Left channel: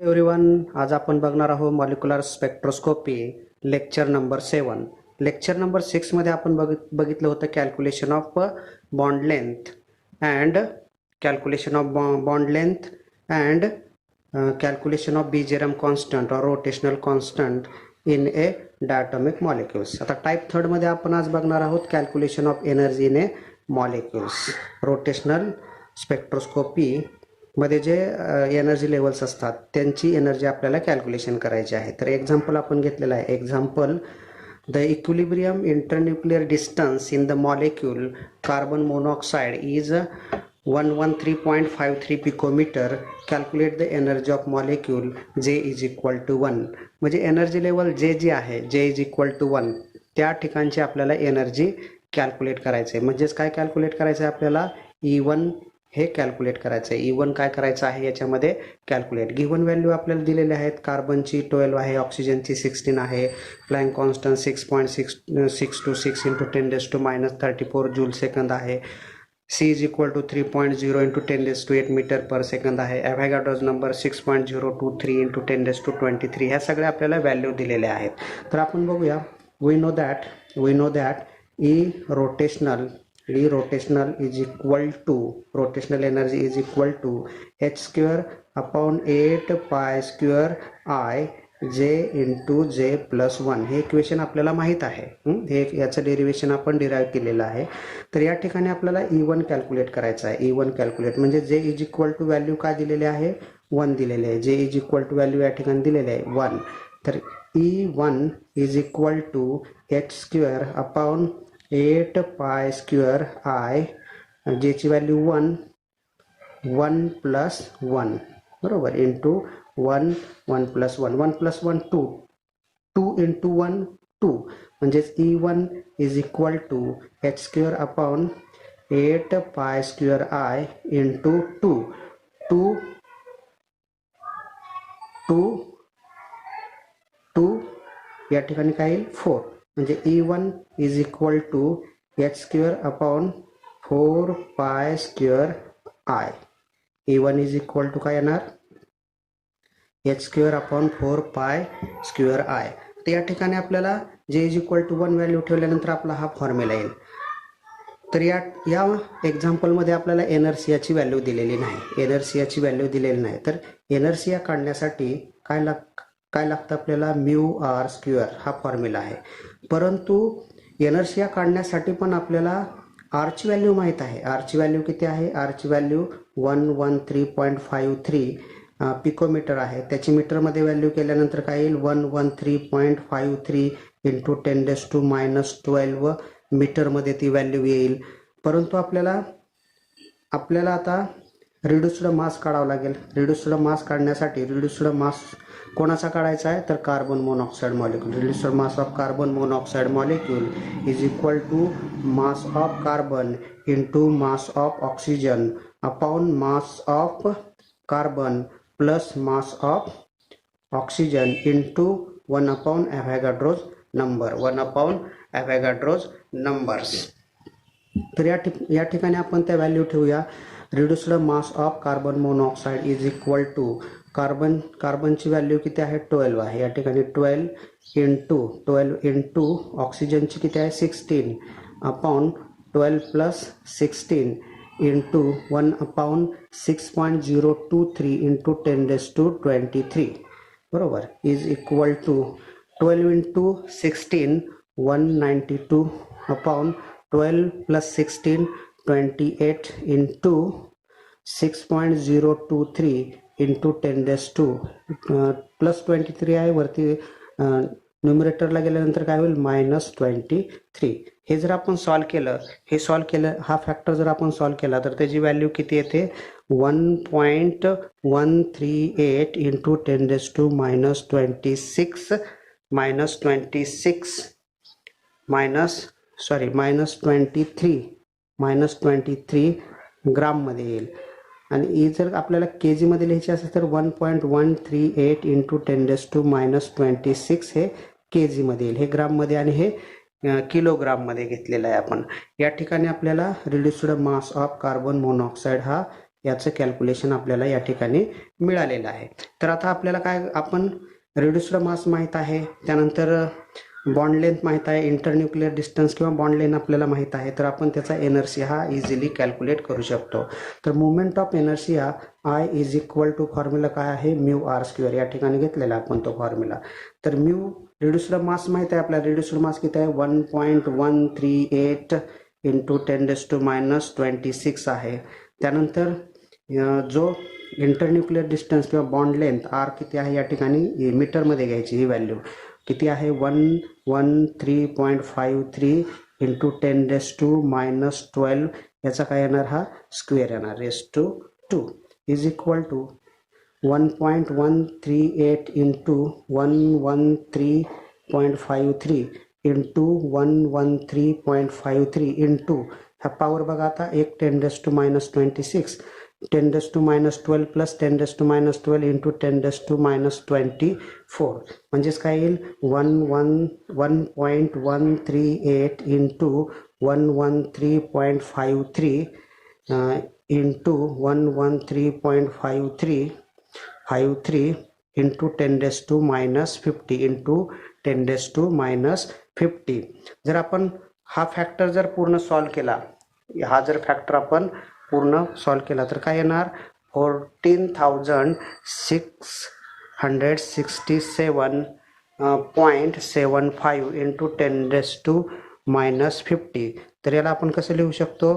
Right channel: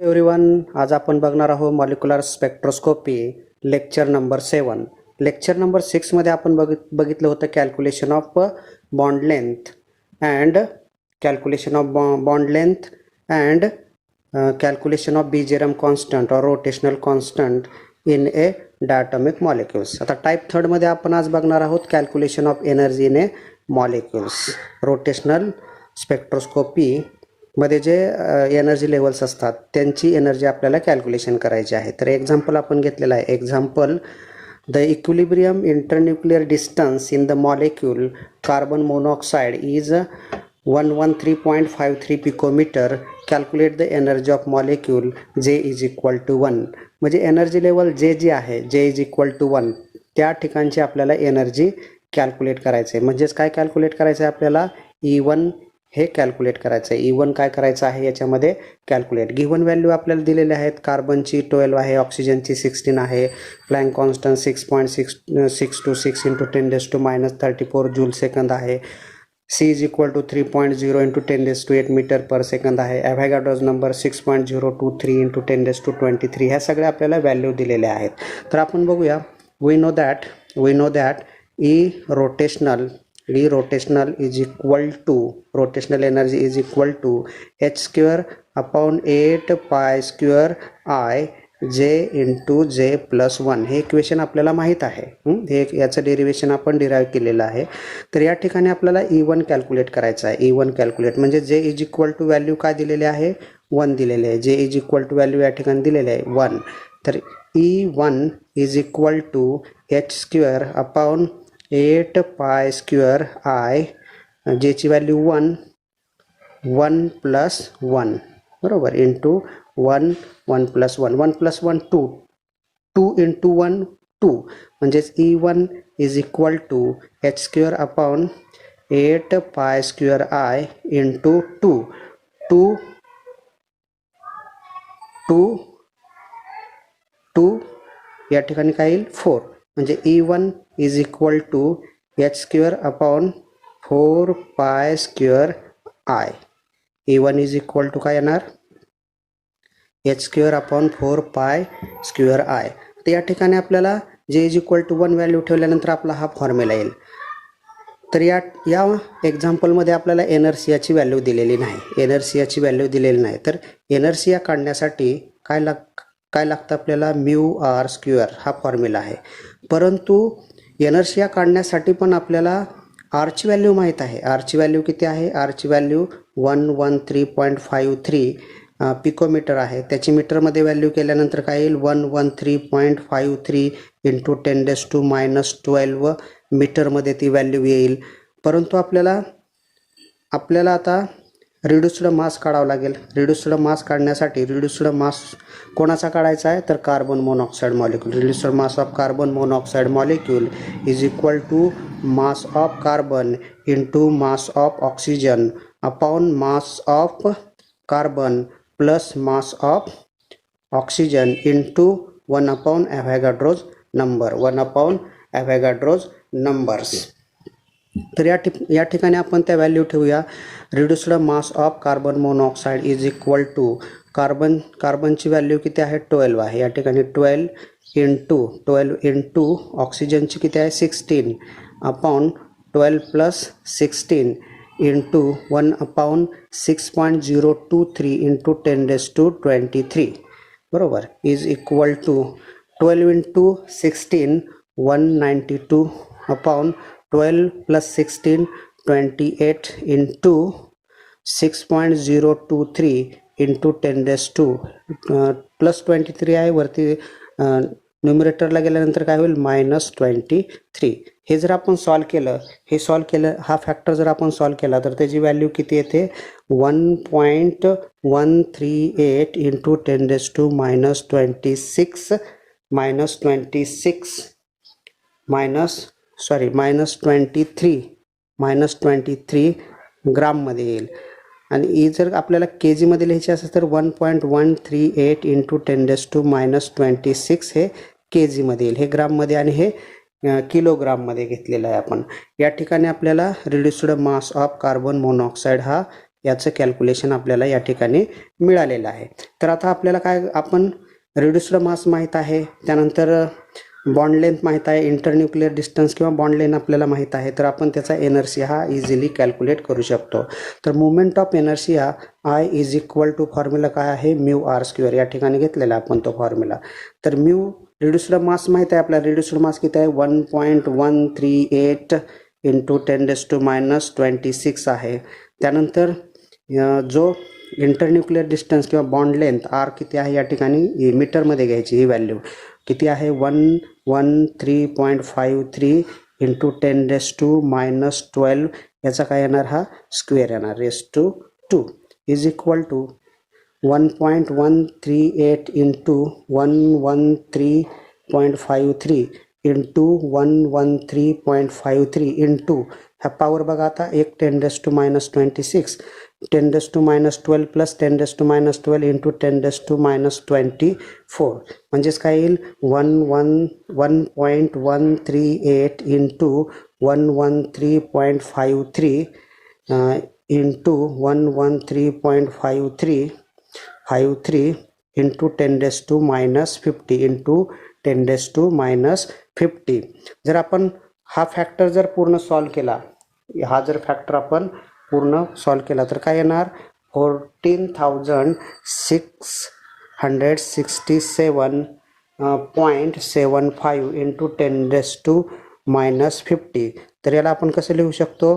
Everyone, आज आपण बघणार आहोत molecular spectroscopy lecture number 7. Lecture number 6 मध्ये आपण बघितलं होतं calculation of bond length and calculation of Bjerrum constant और rotational constant in a diatomic molecules. आता टाइप 3 मध्ये आपण आज बघणार आहोत calculation of energy in a molecules. Rotational spectroscopy मध्ये जे एनर्जी लेवल्स असतात त्यांची एनर्जी आपल्याला कॅल्क्युलेशन करायची आहे. तर एक्झाम्पल आपण घेतलेला आहे. Example, the equilibrium internuclear distance in the molecule carbon monoxide is 113.53 picometre. Calculate the energy of molecule जे इज इक्वल टू 1. म्हणजे एनर्जी लेवल जे जी आहे, जे इज इक्वल टू 1, त्या ठिकाणची आपल्याला एनर्जी कॅल्क्युलेट करायचं आहे. म्हणजेच काय कॅल्क्युलेट करायचं आहे आपल्याला? E1 हे कॅल्क्युलेट करायचं आहे. E1 काय करायचं आहे याच्यामध्ये? कॅल्क्युलेट. गिव्हन व्हॅल्यू आपल्याला दिलेले आहेत. कार्बनची 12 आहे, ऑक्सिजनची 16 आहे, Planck constant 6.626 into 10⁻³ joule second आहे. C is equal to 3.0 into 10⁸ metre per second आहे. Avogadro's number 6.023 into 10⁻23. ह्या सगळ्या आपल्याला व्हॅल्यू दिलेल्या आहेत. तर आपण बघूया. We know that E rotational is equal to, rotational energy is equal to h square upon 8 pi square I j into j plus 1. हे इक्वेशन आपल्याला माहित आहे. हे याचं डेरिवेशन आपण डिराईव्ह केलेलं आहे. तर या ठिकाणी आपल्याला E1 कॅल्क्युलेट करायचं आहे. E1 कॅल्क्युलेट म्हणजे j is equal to value काय दिलेले आहे? 1 दिलेले आहे. j is equal to value या ठिकाणी दिलेले आहे 1. तर E1 is equal to h square upon 8 pi square I, ज्याची व्हॅल्यू 1 प्लस 1 बरोबर इंटू 1 प्लस 1 प्लस 1 2 इंटू 1 2. म्हणजेच E1 is equal to h square upon 8 pi square I into 2 या ठिकाणी काय येईल? 4. म्हणजे E1 is equal to h square upon 4 pi square I. E1 is equal to काय येणार? h square upon 4 pi square I. तर या ठिकाणी आपल्याला j is equal to 1 value ठेवल्यानंतर आपला हा फॉर्म्युला येईल. तर या एक्झाम्पलमध्ये आपल्याला एनर्सियाची व्हॅल्यू दिलेली नाही. तर एनर्सिया काढण्यासाठी काय लागतं आपल्याला? μr स्क्वेअर हा फॉर्म्युला आहे. परंतु एनर्शिया काढण्यासाठी पण आपल्याला R ची व्हॅल्यू माहीत आहे. R ची व्हॅल्यू किती आहे? R ची व्हॅल्यू 113.53 पिकोमीटर आहे. त्याची मीटरमध्ये व्हॅल्यू केल्यानंतर काय येईल? 113.53 इंटू 10⁻12 मीटरमध्ये ती व्हॅल्यू येईल. परंतु आपल्याला आता रिड्युस्ड मास काढावा लागेल. रिड्युस्ड मास काढण्यासाठी रिड्युस्ड मास कोणाचा काढायचा आहे? तर carbon monoxide molecule. Reduced mass of carbon monoxide molecule is equal to mass of carbon into mass of oxygen upon mass of carbon plus mass of oxygen into 1 upon Avogadro's numbers. तर या ठिकाणी आपण त्या value ठेवूया. Reduced mass of carbon monoxide is equal to कार्बनची value किती आहे? 12 आहे. या ठिकाणी 12 इंटू ऑक्सिजनची किती आहे? 16 upon 12 plus 16 into 1 upon 6.023 into 10⁻23 बरोबर is equal to 12 into 16 192 upon 12 plus 16 28 into 6.023 into 10⁻2 plus 23 आहे. वरती न्यूमरेटरला गेल्यानंतर काय होईल? -23. हे जर आपण सॉल्व केलं, हा फॅक्टर जर आपण सॉल्व केला तर त्याची व्हॅल्यू किती येते? 1.138 इंटू 10⁻26 -23 ग्राममध्ये येईल. आणि ही जर आपल्याला के जीमध्ये लिहायची असेल तर 1.138 इंटू 10⁻26 हे के जीमध्ये येईल. हे ग्राममध्ये आणि हे किलोग्राममध्ये घेतलेलं आहे आपण. या ठिकाणी आपल्याला reduced mass of carbon monoxide हा याचं कॅल्क्युलेशन आपल्याला या ठिकाणी मिळालेलं आहे. तर आता आपल्याला काय, आपण रिड्युस्ड मास माहीत आहे, त्यानंतर बॉन्ड लेंथ माहीत आहे, इंटरन्यूक्लियर डिस्टन्स किंवा बॉन्ड लेंथ आपल्याला माहीत आहे, तर आपण त्याचा एनर्शिया हा इझिली कॅल्क्युलेट करू शकतो. तर movement of inertia I is equal to formula काय आहे, म्यू आर स्क्वेअर, या ठिकाणी घेतलेला आपण तो फॉर्म्युला. तर म्यू रिड्युस्ड मास माहीत आहे आपल्याला, रिड्युस्ड मास किती आहे 1.138 इंटू 10⁻26 आहे. त्यानंतर जो इंटरन्यूक्लियर डिस्टन्स किंवा बॉन्ड लेंथ आर किती आहे या ठिकाणी मीटरमध्ये घ्यायची, ही व्हॅल्यू किती आहे 113.53 इंटू 10⁻12 याचा काय येणार, हा स्क्वेअर येणार, ⁻² is equal to 1.138 into 113.53 into 113.53 into हा पॉवर बघा आता, एक 10⁻26 10⁻12 प्लस 10⁻12 इंटू 10⁻24 म्हणजेच काय येईल 1.138 इंटू 113.53 इंटू 113.53 इंटू 10⁻50 इंटू 10⁻50. जर आपण हा फॅक्टर जर पूर्ण सॉल्व केला, हा जर फॅक्टर आपण पूर्ण सॉल्व केला तर काय येणार 14,667.75 इंटू 10⁻50. तर याला आपण कसं लिहू शकतो,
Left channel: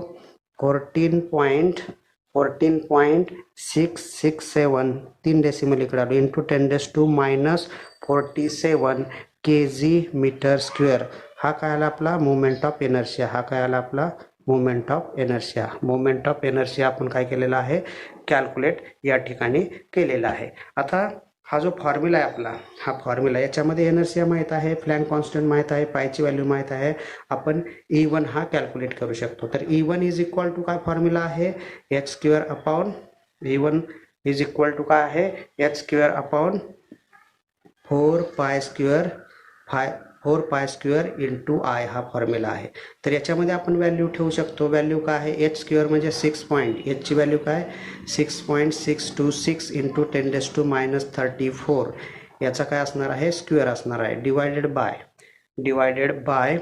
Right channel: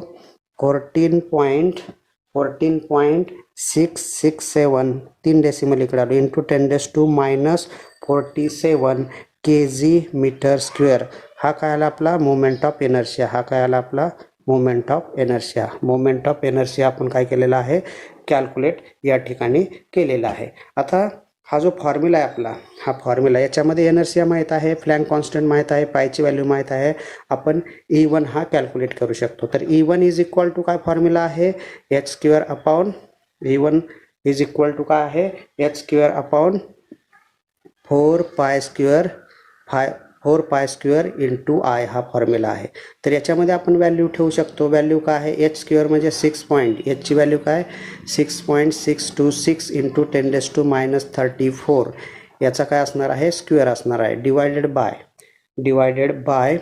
14.667 3 डेसिमल इकडे आलो इंटू 10⁻47 kg/m². हा काय आला आपला मोमेंट ऑफ इनर्शिया, हा काय आला आपला moment of inertia. Moment of inertia आपण काय केलेला आहे, कॅल्क्युलेट या ठिकाणी केलेला आहे. आता हा जो फॉर्म्युला आहे आपला, हा फॉर्म्युला याच्यामध्ये इनर्शिया माहीत आहे, फ्लॅंक कॉन्स्टंट माहीत आहे, पायची व्हॅल्यू माहीत आहे, आपण E1 हा कॅल्क्युलेट करू शकतो. तर E1 इज इक्वल टू काय फॉर्म्युला आहे, h² upon E1 is equal to काय आहे, h² अपॉन 4π² इंटू आय हा फॉर्म्युला आहे. तर याच्यामध्ये आपण व्हॅल्यू ठेवू शकतो. व्हॅल्यू काय आहे, h² म्हणजे 6 पॉईंट, एचची व्हॅल्यू काय 6.626 इंटू 10⁻34 याचा काय असणार आहे, स्क्वेअर असणार आहे, divided by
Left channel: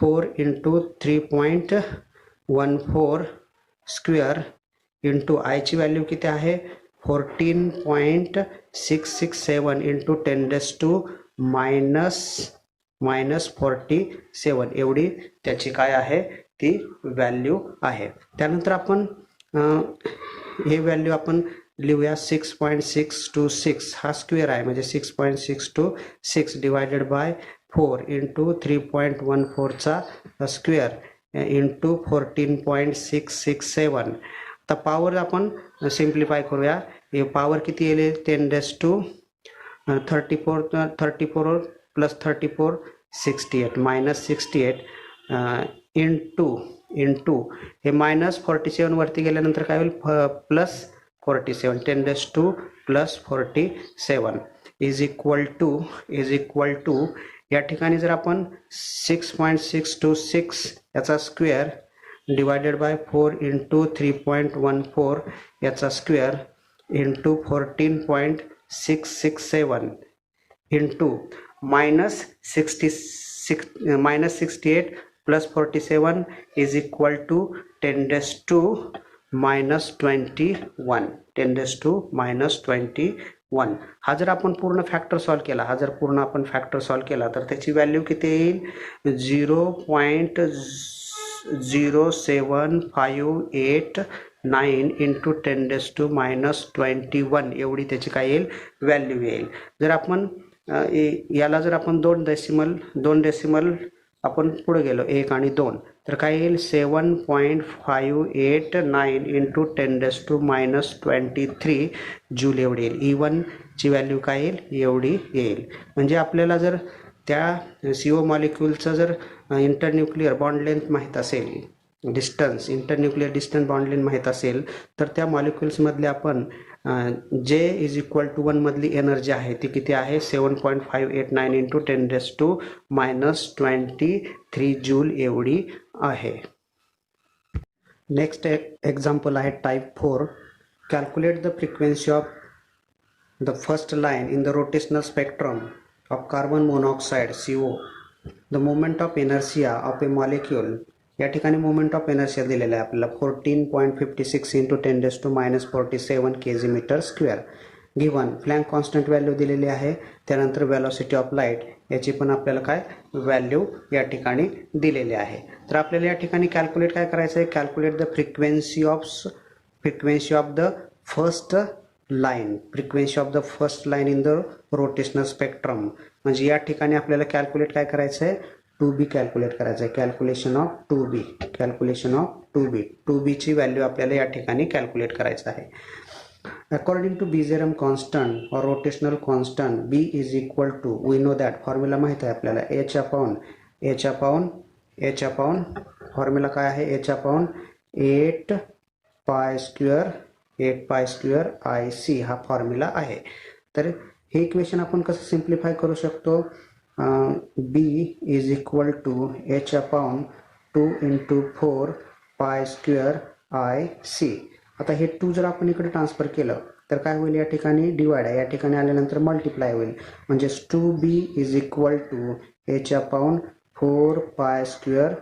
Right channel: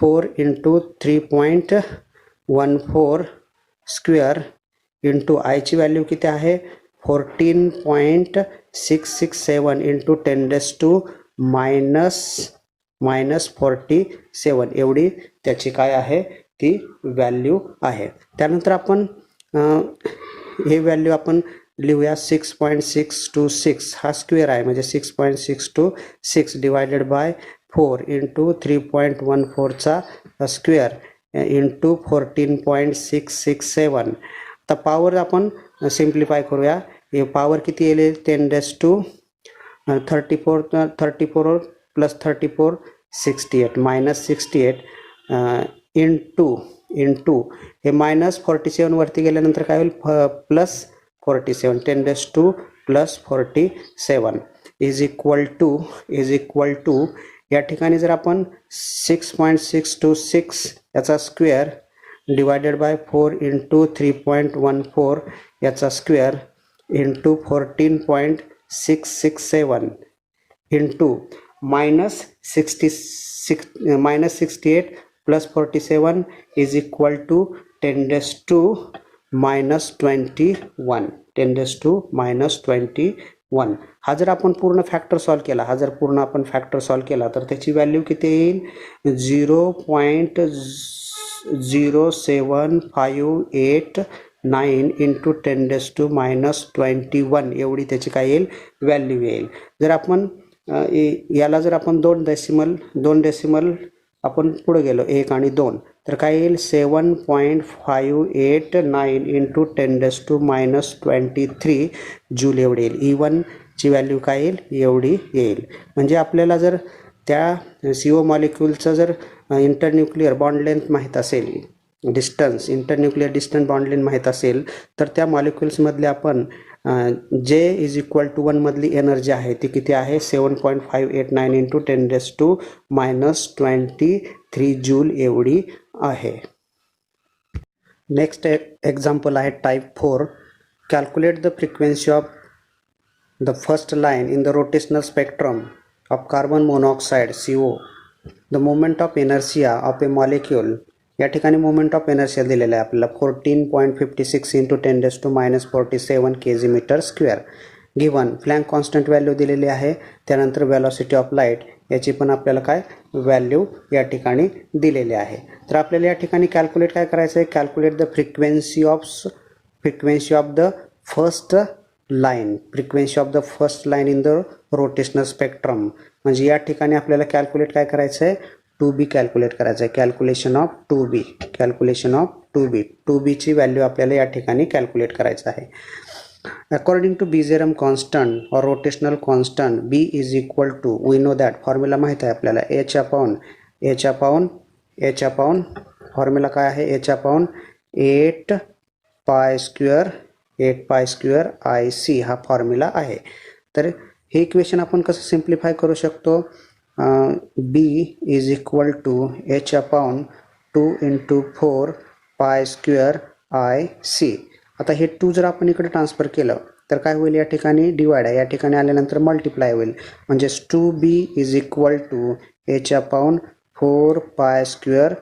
4 into 3.14 square into आयची व्हॅल्यू किती आहे 14.667 इंटू 10⁻47 एवढी त्याची काय आहे ती व्हॅल्यू आहे. त्यानंतर आपण हे व्हॅल्यू आपण लिहूया 6.626 हा स्क्वेअर आहे म्हणजे 6.626 डिवायडेड बाय 4 इंटू 3.14चा स्क्वेअर इंटू 14.667. तर पॉवर आपण सिम्प्लिफाय करूया. हे पॉवर किती येईल 10⁻34 प्लस 34 68 मायनस 68 इंटू हे मायनस 47 वरती गेल्यानंतर काय होईल plus 47 10⁻² plus 47 is equal to या ठिकाणी जर आपण 6.626 याचा स्क्वेअर डिवायडेड बाय 4 इंटू 3.14 याचा square into 14.667 into minus 68 plus 47 is equal to 10⁻21 हा जर आपण पूर्ण फॅक्टर सॉल्व केला तर त्याची व्हॅल्यू किती येईल 0.07589 इंटू 10⁻21 एवढी त्याची काय येईल व्हॅल्यू येईल. जर आपण याला जर आपण दोन डेसिमल आपण पुढे गेलो 1 आणि 2 तर काय येईल 7.589 इंटू 10⁻23 जूल एवढी येईल. E1 ची व्हॅल्यू काय येईल एवढी येईल. म्हणजे आपल्याला जर त्या CO मॉलिक्यूलचं जर इंटरन्यूक्लियर बॉन्ड लेंथ माहीत असेल, इंटरन्यूक्लियर डिस्टन्स बॉन्ड लेंथ माहीत असेल तर त्या मॉलिक्युल्समधले आपण J इज इक्वल टू 1 मधली एनर्जी आहे ती किती आहे 7.589 इंटू 10⁻23 जूल एवढी आहे. नेक्स्ट एक्झाम्पल आहे type 4. Calculate the frequency of the first line in the rotational spectrum of carbon monoxide CO. The moment of inertia of a molecule. या ठिकाणी मोमेंट ऑफ इनर्शिया दिलेला आहे आपल्याला 14.56 into 10⁻⁻47 kg/m². Given Planck constant value दिलेली आहे. त्यानंतर velocity of light याची पण आपल्याला काय व्हॅल्यू या ठिकाणी दिलेली आहे. तर आपल्याला या ठिकाणी कॅल्क्युलेट काय करायचं आहे, calculate the frequency of the first line, frequency of the first line in the rotational spectrum. म्हणजे या ठिकाणी आपल्याला कॅल्क्युलेट काय करायचं आहे, 2B कॅल्क्युलेट करायचं आहे. कॅल्क्युलेशन ऑफ 2B ची व्हॅल्यू आपल्याला या ठिकाणी कॅल्क्युलेट करायचं आहे. According to Bezier constant or rotational constant, B is equal to, we know that formula माहित आहे आपल्याला, h upon फॉर्म्युला काय आहे, h upon 8 pi square IC हा फॉर्म्युला आहे. तर हे इक्वेशन आपण कसं सिम्प्लिफाय करू शकतो, B is equal to h upon 2 into 4 pi square IC. आता हे 2 जर आपण इकडे ट्रान्सफर केलं तर काय होईल, या ठिकाणी डिवाइड आहे, या ठिकाणी आल्यानंतर मल्टिप्लाय होईल. म्हणजे 2B is equal to h upon 4 pi square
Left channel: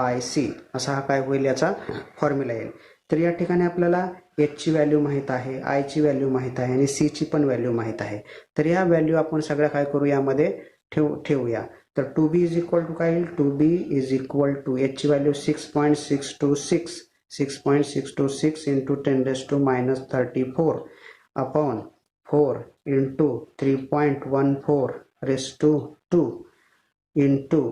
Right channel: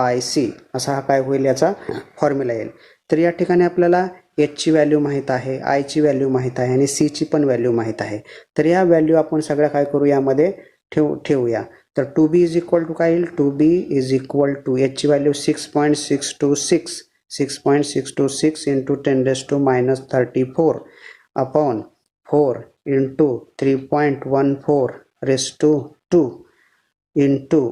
IC असा हा काय होईल, याचा फॉर्म्युला येईल. तर या ठिकाणी आपल्याला h ची व्हॅल्यू माहित आहे, I ची व्हॅल्यू माहित आहे आणि C ची पण व्हॅल्यू माहित आहे. तर या व्हॅल्यू आपण सगळ्या काय करू, यामध्ये ठेवूया. तर 2B इज इक्वल टू काय येईल, 2B is equal to h ची value 6.626 into 10⁻⁻34 upon 4 into 3.14 raised to 2 into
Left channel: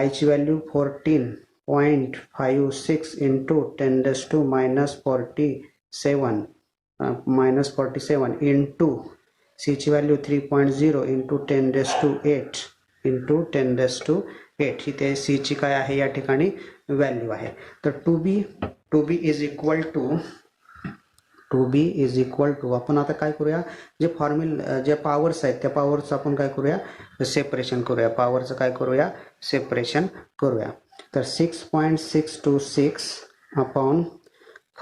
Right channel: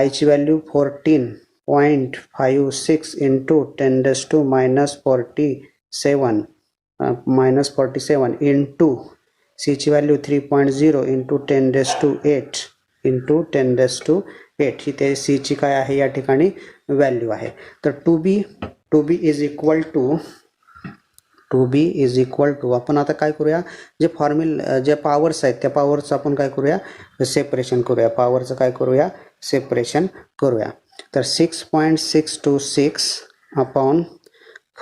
I ची व्हॅल्यू 14.56 into 10⁻⁻47 into C ची व्हॅल्यू 3.0 into 10⁸ into 10⁸ ही ते C ची काय आहे या ठिकाणी व्हॅल्यू आहे. तर 2B इज इक्वल टू आपण आता काय करूया, जे फॉर्म्युला जे पॉवर्स आहेत त्या पॉवरचं आपण काय करूया, सेपरेशन करूया. पॉवरचं काय करूया, सेपरेशन करूया. तर 6.626 upon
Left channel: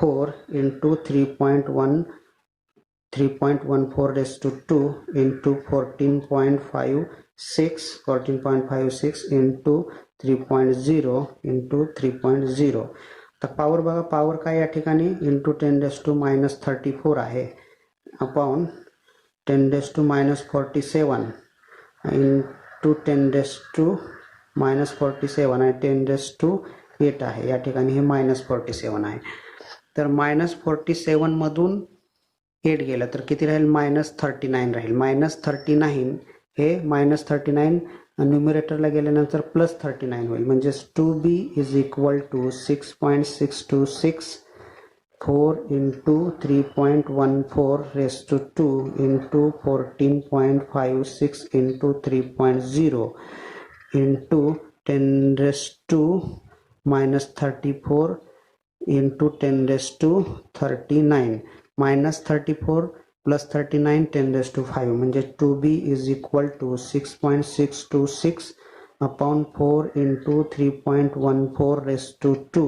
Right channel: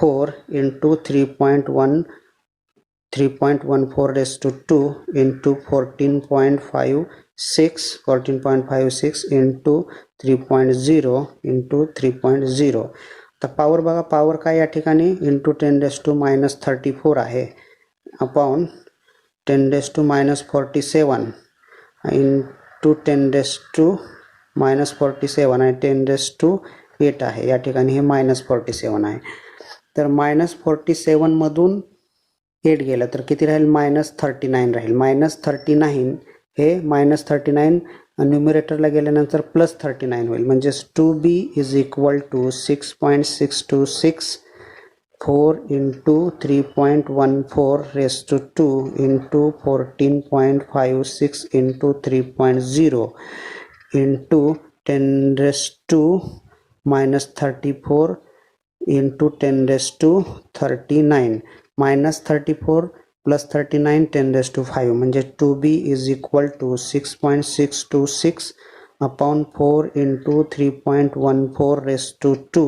4 into 3.14 raised to 2 into 14.56 into 3.0 into 3.0. तर पॉवर बघा, पॉवर काय या ठिकाणी इंटू 10⁻⁻34 आहे अपॉन 10⁻⁻47 इंटू 10⁻⁻47 आणि 10⁸ आहे. या ठिकाणी हे -47 आहे. तर -47 मधून 8 गेलं तर किती राहील, -39 राहील. -39 हे -39 न्यूमरेटरला गेल्यानंतर +39 होईल. म्हणजे 2B is equal to 6.626 4 into 3.14 raised to 2 into 14.56 into 3.0 into 10⁻⁻34 into 10⁻39 -34 plus 39 10⁵ म्हणजे 2B is equal to 6.626 upon 4 into 3.14 raised to 2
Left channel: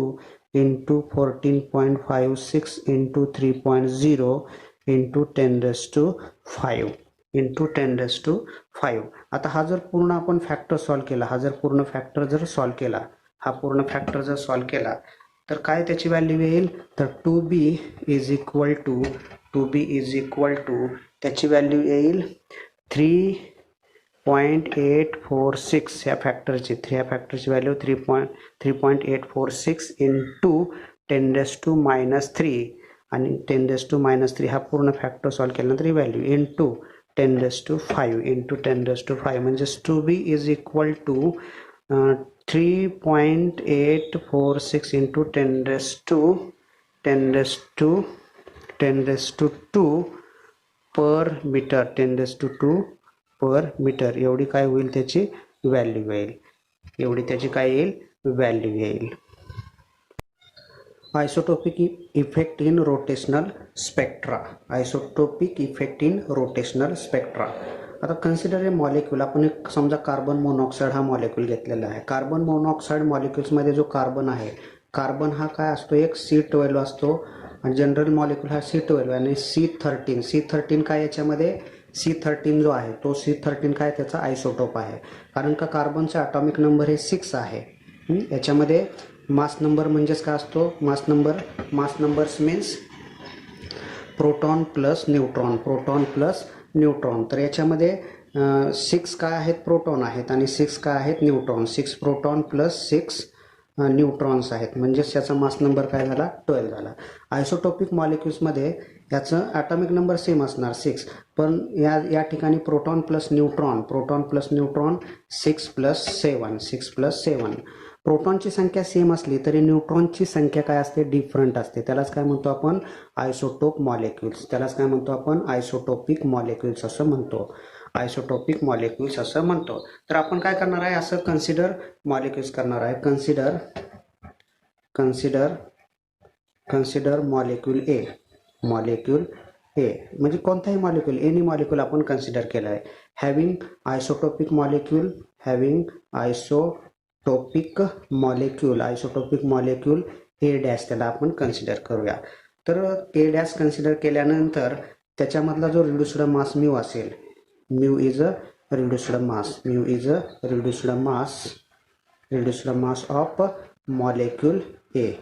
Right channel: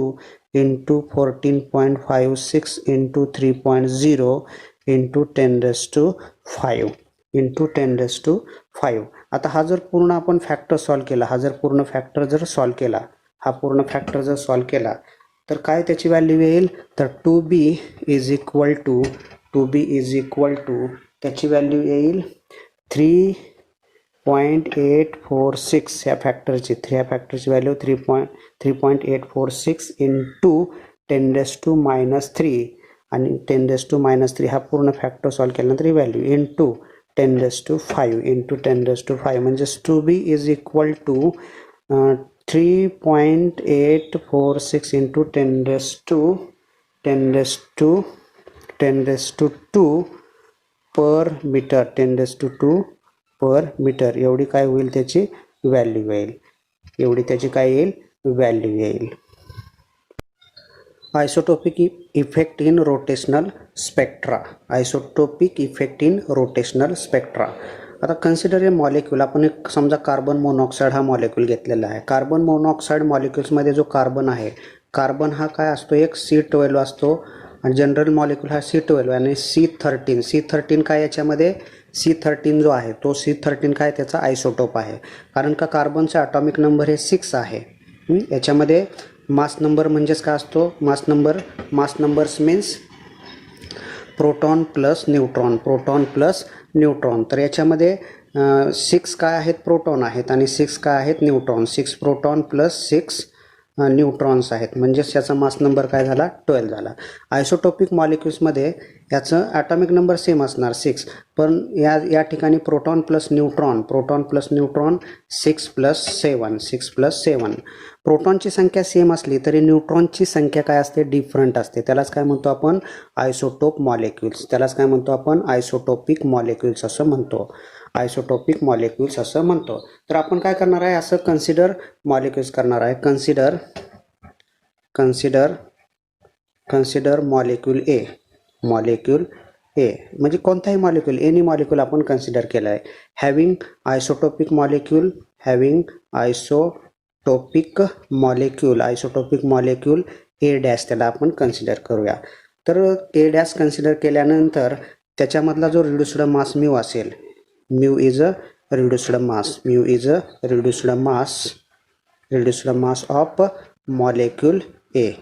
into 14.56 into 3.0 into 10⁵. आता हा जर पूर्ण आपण फॅक्टर सॉल्व केला, हा पूर्ण फॅक्टर जर सॉल्व केला तर काय त्याची व्हॅल्यू येईल, तर 2B इज इक्वल टू त्याची व्हॅल्यू येईल 3.846 या फॅक्टरची व्हॅल्यू 3.846 इंटू 10⁻³ आणि 10⁻³ हा पूर्ण फॅक्टर सॉल्व केल्यानंतर ही व्हॅल्यू इंटू 10⁵ म्हणजे 2B is equal to 3.846 into 10⁻² per metre 10⁻² per metre एवढी काय होईल त्याची व्हॅल्यू येईल. Isotopic effect in rotational spectra. आता कन्सिडर ए मॉलिक्यूल, आपण एक समजा कार्बन मोनॉक्साईड हा मॉलिक्यूल घेतलेला आहे. कार्बन मोनॉक्साईड मॉलिक्युल्समध्ये जो कार्बन आहे, कार्बन हा काय असतो, एक C12 असतो आणि जनरल मॉलिक्यूल हा C12 आणि C13 काय याच्यामध्ये, C13 जो आहे तो C13 काय त्याचा आयसोटोप आहे, कारण का कार्बनचा ॲटॉमिक नंबर हे 6 आहे. याच्यामध्ये मास नंबर म्हणजेच काय असतो, मास numbers means proton plus neutron. तर याच्यामध्ये 6 काय आहेत, प्रोटॉन आहेत आणि 6 काय आहेत, न्यूट्रॉन. 6 प्रोटॉन प्लस 6 न्यूट्रॉन्स आहेत, म्हणजेच याचा मास नंबर काय झाला, 12 झाला. आयसोटोपिक मॉलिक्युल्समध्ये याचं ॲटॉमिक नंबर सेम असणार 6, पण या ठिकाणी प्रोटॉन प्लस न्यूट्रॉन 6 प्लस 7. प्रोटॉनची संख्या सेम असली तरी न्यूट्रॉनची संख्या काय असते, डिफरंट असते. त्यालाच काय म्हणतो आपण, आयसोटोपिक मॉलिक्युल्स असं म्हणतो. तर आपण काय करणार आहे, असं कन्सिडर मॉलिक्युल्स करणार आहे. कन्सिडर मॉलिक्यूल ए म्हणजे कोणताही मॉलिक्यूल, एनी मॉलिक्यूल आपण कन्सिडर केलं आहे. Having isotopic molecule A dash, त्याला आपण कन्सिडर करूया. तर ए डॅश कन्सिडर केल्यानंतर त्याच्यामधला जो रिड्युस्ड मास म्यू असेल, mu is a reduced mass of molecule A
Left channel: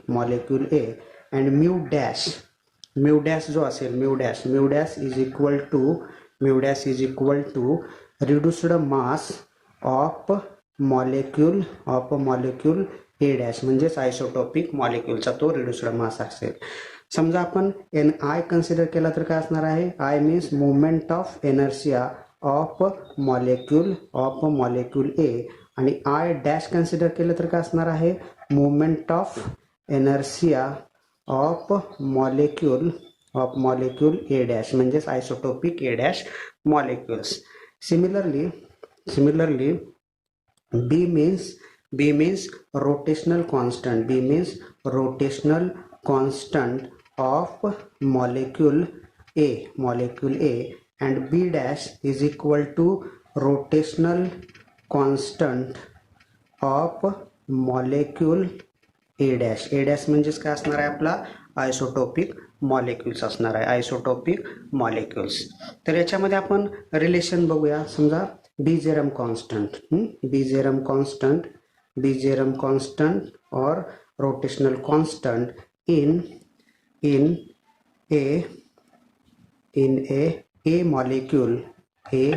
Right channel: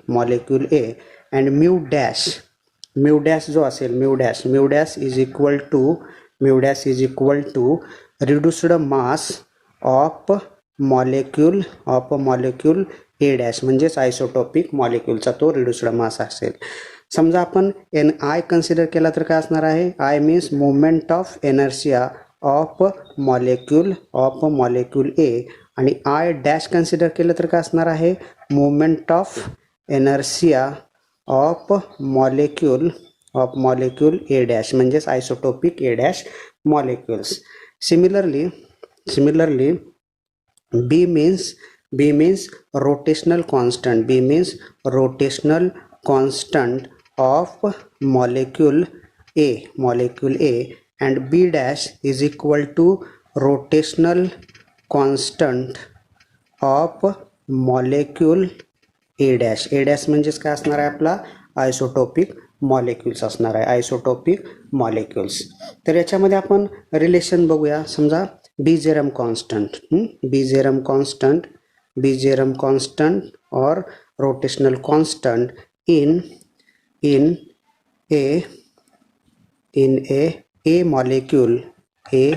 and mu dash जो असेल, mu dash is equal to reduced mass of molecule A dash, म्हणजेच आयसोटोपिक मॉलिक्यूलचा तो रिड्युस्ड मास असेल. समजा आपण आय कन्सिडर केला तर काय असणार आहे, I means moment of inertia of molecule A, आणि आय डॅश कन्सिडर केलं तर काय असणार आहे, moment of inertia of molecule A dash, म्हणजेच isotopic A dash molecules. Similarly B means rotational constant of molecule A, and B dash is equal to rotational constant of molecule A dash. म्हणजेच काय असणार आहे, आपला isotopic molecules असणार आहे, isotopic molecules. तर याच्यामध्ये आपण रिलेशन बघूया. समजा Bezier constant or rotational constant in a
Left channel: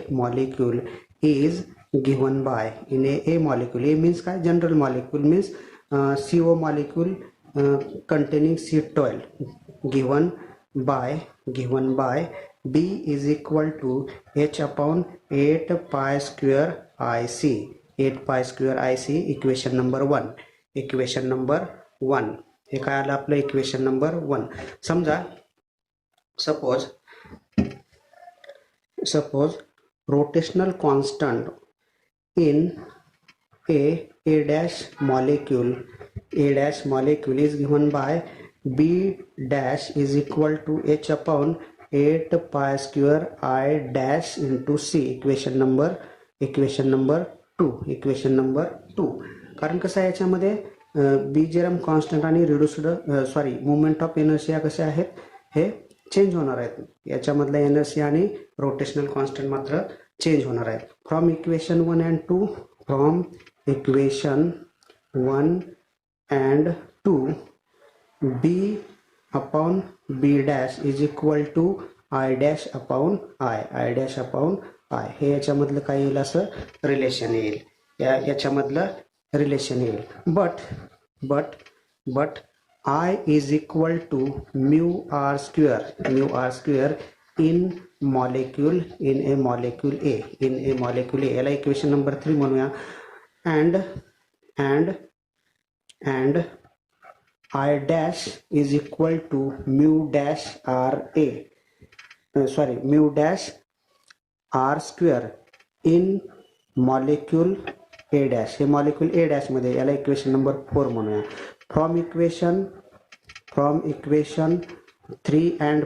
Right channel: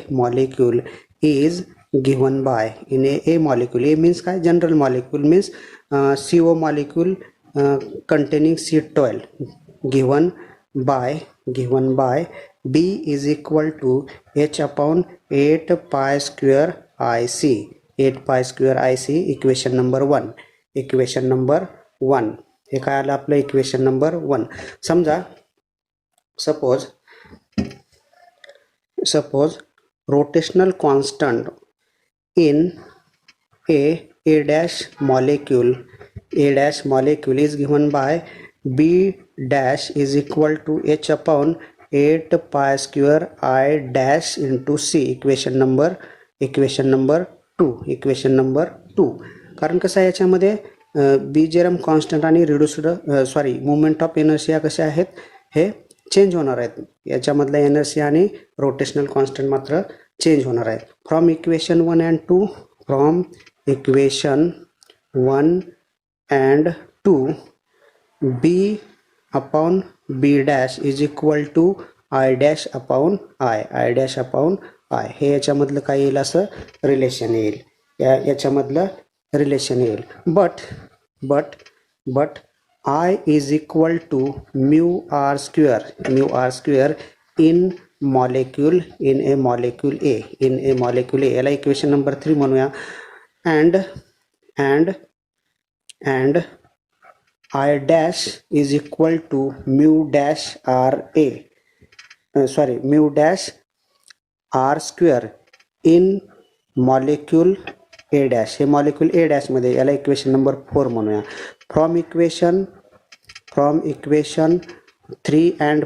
molecule is given by, in a molecule, A means काय, general molecule means CO molecule containing C12, given by B is equal to H upon 8 pi square IC, equation number 1. हे काय आलं आपलं, equation number 1. समजा suppose rotational constant in a dash molecule is given by B dash is equal to H upon 8 pi square I dash into C, equation number 2. कारण कसं आहे, याच्यामध्ये बीजेरम constant आणि मोमेंट ऑफ एनर्शिया कसे आहेत, हे change होणार आहेत. याच्यामधला एनर्शिया आणि रोटेशनल कॉन्स्टंट मात्र चेंज होणार आहेत. From equation 1 and 2 B upon B dash is equal to I dash upon I. हे याच्यामधलं काय येईल, असं रिलेशन येईल, याच्यामधलं रिलेशन येईल. But I is equal to mu r square in a molecule A, याला इक्वेशन नंबर 3 म्हणूया. and I dash is equal to mu dash r square in molecule A dash, हे molecule A dash मध्ये, याला equation number 4 म्हणूया. From equation 3 and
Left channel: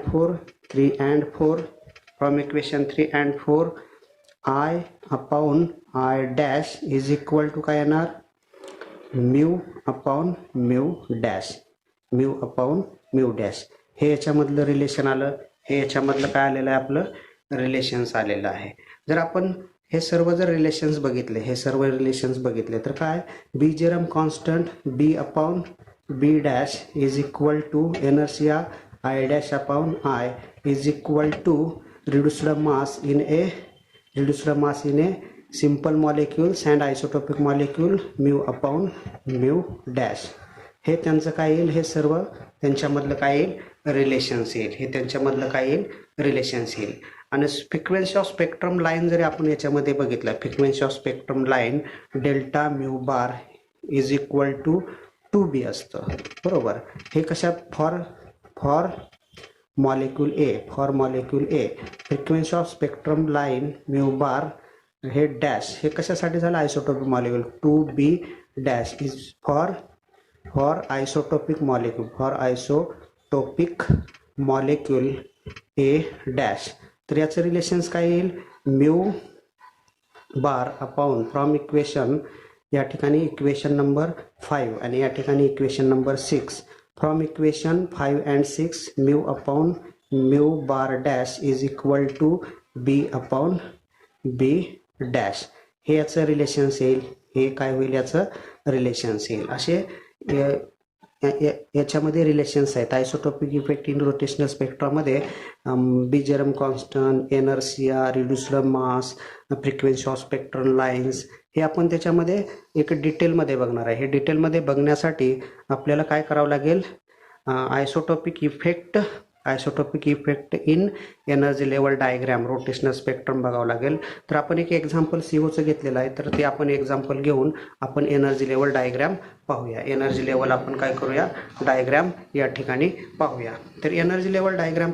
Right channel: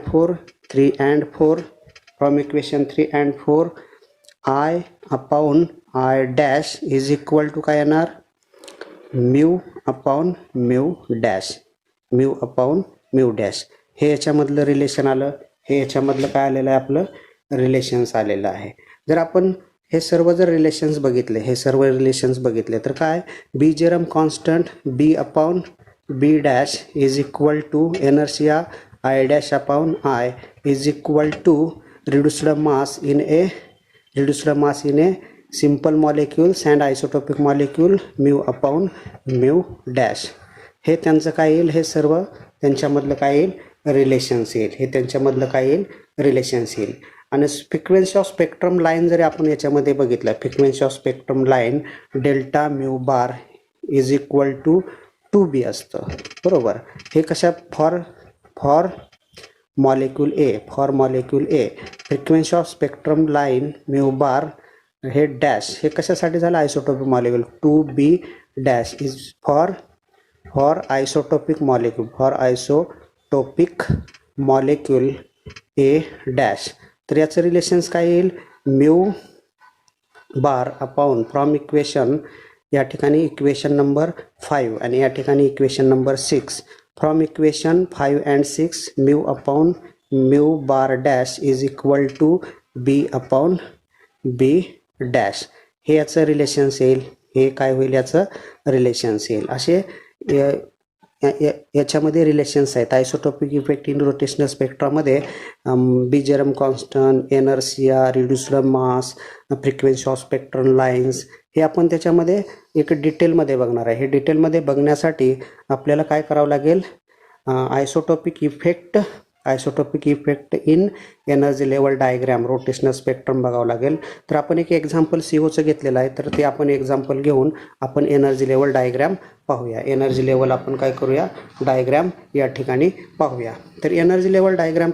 4, I upon I dash is equal to काय येणार, mu upon mu dash, mu upon mu dash. हे याच्यामधलं relation आलं, हे याच्यामधलं काय आलेलं आहे आपलं रिलेशन्स आलेलं आहे. जर आपण हे सर्व जर रिलेशन्स बघितले, हे सर्व रिलेशन्स बघितले तर काय, Bjerrum constant B upon B dash is equal to inertia I dash upon I is equal to reduced mass in a simple molecules and isotopic molecule mu upon mu dash. हे त्यांचं काय येईल, हे सर्व त्यांच्यामधलं काय येईल रिलेशन्स येईल, हे त्यांच्यामधलं काय येईल रिलेशन्स येईल. आणि फ्रिक्वेन्सी ऑफ स्पेक्ट्रम लाईन जरी आपण याच्यामध्ये बघितलं, frequency of spectrum line delta mu bar is equal to 2b असतं, बरोबर. हे कशा for molecule A, for molecule A frequency of spectrum line mu bar हे डॅश, हे कशासाठी झालं isotopic molecule 2b dash is for isotopic molecule, for isotopic molecule A dash. तर याचं रिलेशन्स काय येईल, mu bar upon from equation, या ठिकाणी इक्वेशन नंबर 5 आणि या ठिकाणी equation number 6. From equation 5 and 6 mu upon mu bar dash is equal to B upon B dash. हे याचं रिलेशन्स येईल, हे काय होईल याचं रिलेशन्स येईल. असे याच्यामध्ये रिलेशन्स आहेत. आयसोटोपिक इफेक्ट इन रोटेशनल स्पेक्ट्रामध्ये Bjerrum constant, inertia, reduced mass, frequency of spectrum lines, हे आपण त्याच्यामध्ये एक डिटेलमध्ये बघणार आहे. हे डिटेलमध्ये बघण्यासाठी आपल्याला काय करावं लागेल, isotopic effect in energy level diagram rotational spectrum बघावं लागेल. तर आपण एक एक्झाम्पल सीओचं घेतलेलं आहे, तर ते आपण एक्झाम्पल घेऊन आपण एनर्जी लेवल डायग्राम पाहूया. एनर्जी लेवल आपण काय करूया, डायग्राम या ठिकाणी पाहूया. तर एनर्जी लेवल डायग्राम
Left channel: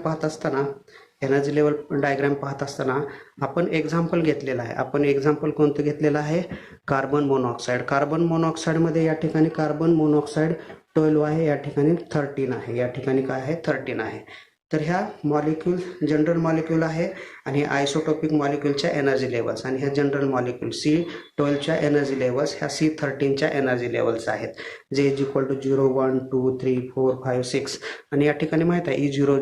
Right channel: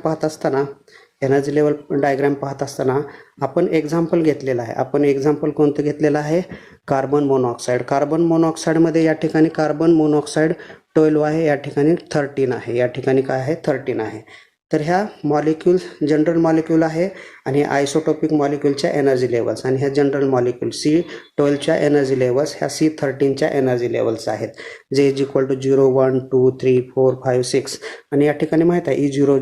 पाहत असताना आपण एक्झाम्पल घेतलेलं आहे. आपण एक्झाम्पल कोणतं घेतलेलं आहे, कार्बन मोनॉक्साईड. कार्बन मोनॉक्साईडमध्ये या ठिकाणी कार्बन मोनॉक्साईड 12 आहे, या ठिकाणी 13 आहे, या ठिकाणी काय आहे 13 आहे. तर ह्या मॉलिक्यूल जनरल मॉलिक्यूल आहे आणि आयसोटोपिक मॉलिक्यूलच्या एनर्जी लेवल्स, आणि ह्या जनरल मॉलिक्यूल C12च्या एनर्जी लेवल्स ह्या C13च्या एनर्जी लेवल्स आहेत, जे इज इक्वल टू 0, 1, 2, 3, 4, 5, 6. आणि या ठिकाणी माहीत आहे E0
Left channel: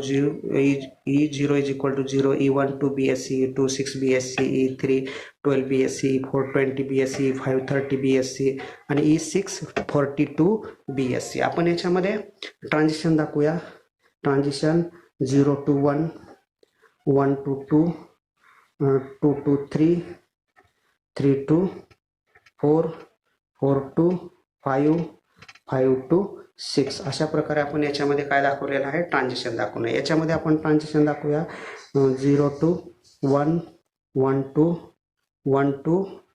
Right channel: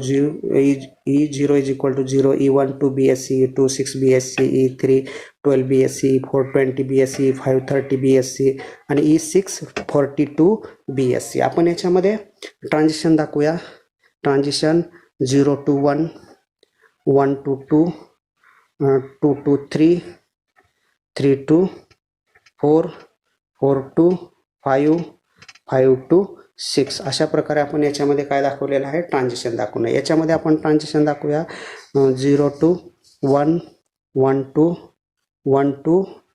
is equal to 0, E1 2 BSc, E2 6 BSc, E3 12 BSc, E4 20 BSc, E5 30 BSc आणि E6 42 BSc. आपण याच्यामध्ये ट्रान्झिशन दाखवूया. Transition 0 to 1, 1 to 2, 2 to 3, 3 to 4, 4 to 5, 5 to 6. अशा प्रकारे आपण याच्यामध्ये काय दाखवलेलं आहे, ट्रान्झिशन दाखवणं. याच्यामध्ये आपण transition दाखवूया 0 to 1, 1 to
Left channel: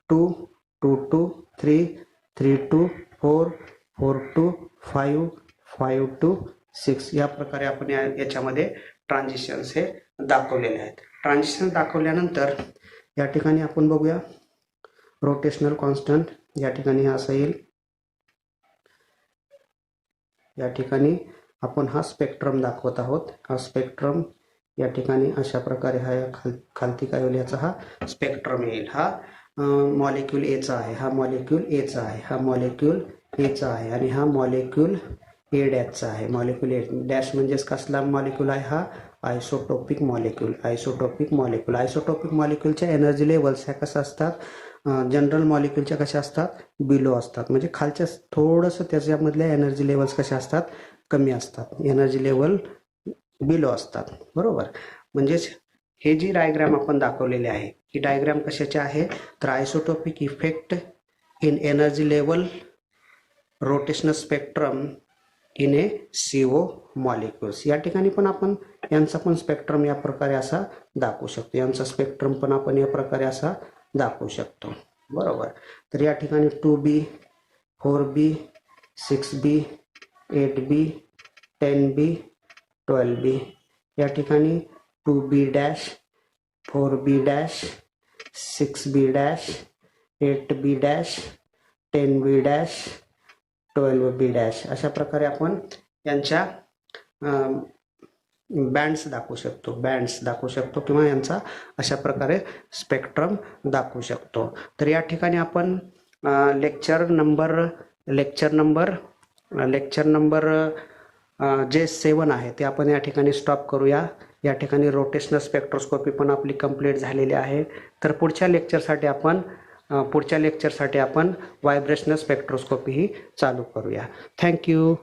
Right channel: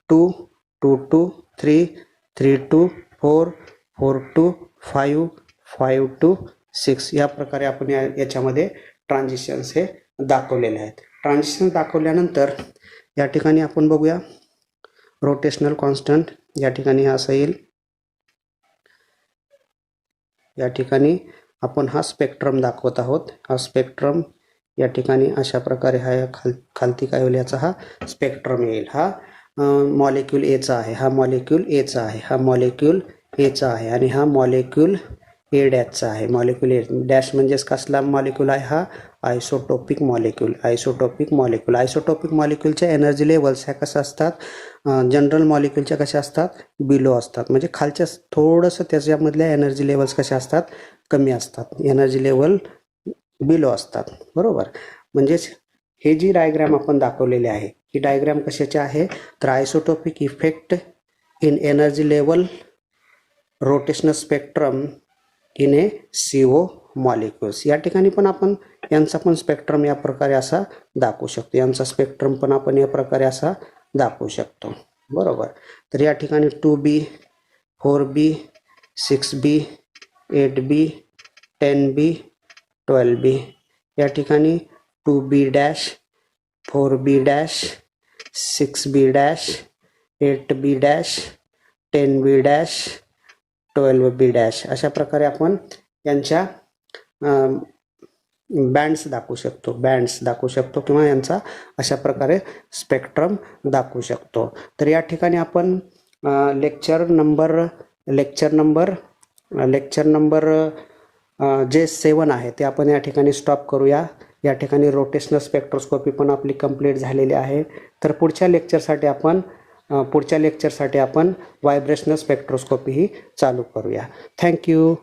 2, 2 to 3, 3 to 4, 4 to 5, 5 to 6. या प्रकारे आपण याच्यामध्ये ट्रान्झिशन्स हे दाखवलेले आहेत. ट्रान्झिशन दाखवल्यानंतर या ठिकाणी आपण बघूया रोटेशनल कॉन्स्टंट. या ठिकाणी असं येईल, या ठिकाणी आपण हा स्पेक्ट्रम दाखवत आहोत. हा स्पेक्ट्रम या ठिकाणी अशा प्रकारे हा खालती काय होईल, याचा हा स्पेक्ट्रम येईल. हा मॉलिक्यूल एचा आहे, हा मॉलिक्यूल एचा आहे, हा मॉलिक्यूल एचा आहे आणि हा मॉलिक्यूल ए डॅशचा आहे. मॉलिक्यूल ए डॅश म्हणजेच कसला मॉलिक्यूल आहे, हा isotopic molecule. Isotopic मॉलिक्यूलच्या energy levels ह्या कशा असतात, जनरल मॉलिक्यूलच्या कशा असतात, बिलो असतात. म्हणजे खालच्या थोडंसं त्याच्यामधल्या एनर्जी लेवल्स कशा असतात, कमी असतात, एनर्जी लेवल बिलो असतात, बरोबर. म्हणजेच हे जी डायग्राम आपण दाखवलेली आहे, ही डायग्राम कशाची आहे, तर isotopic effect in energy level rotational spectrum in a CO molecules. या ठिकाणी पण आपण यांचा पण स्पेक्ट्रम या प्रकारे असा दाखवू शकतो, यांचा स्पेक्ट्रम पण आपण या प्रकारे असा दाखवू शकतो, बरोबर. तर या ठिकाणी 2B, 4B, 6B, 8B, 10B, 12B. या ठिकाणी 2B dash, 4B dash, 6B dash, 8B dash, 10B dash, 12B dash. अशा प्रकारे आपण यांच्या बँड्स दाखवू शकतो किंवा यांचा अशा प्रकारे स्पेक्ट्रम दाखवू शकतो. तर या ठिकाणी आपण लेक्चर नंबर जे 7 आहे ते आपण या ठिकाणी स्टॉप करूया. या ठिकाणी रोटेशनल स्पेक्ट्रोस्कोपी पण आपली कंप्लीट झालेली आहे. तर पुढच्या लेक्चरसाठी आपण व्हायब्रेशनल स्पेक्ट्रोस्कोपी ही चालू करूया. थँक्यू.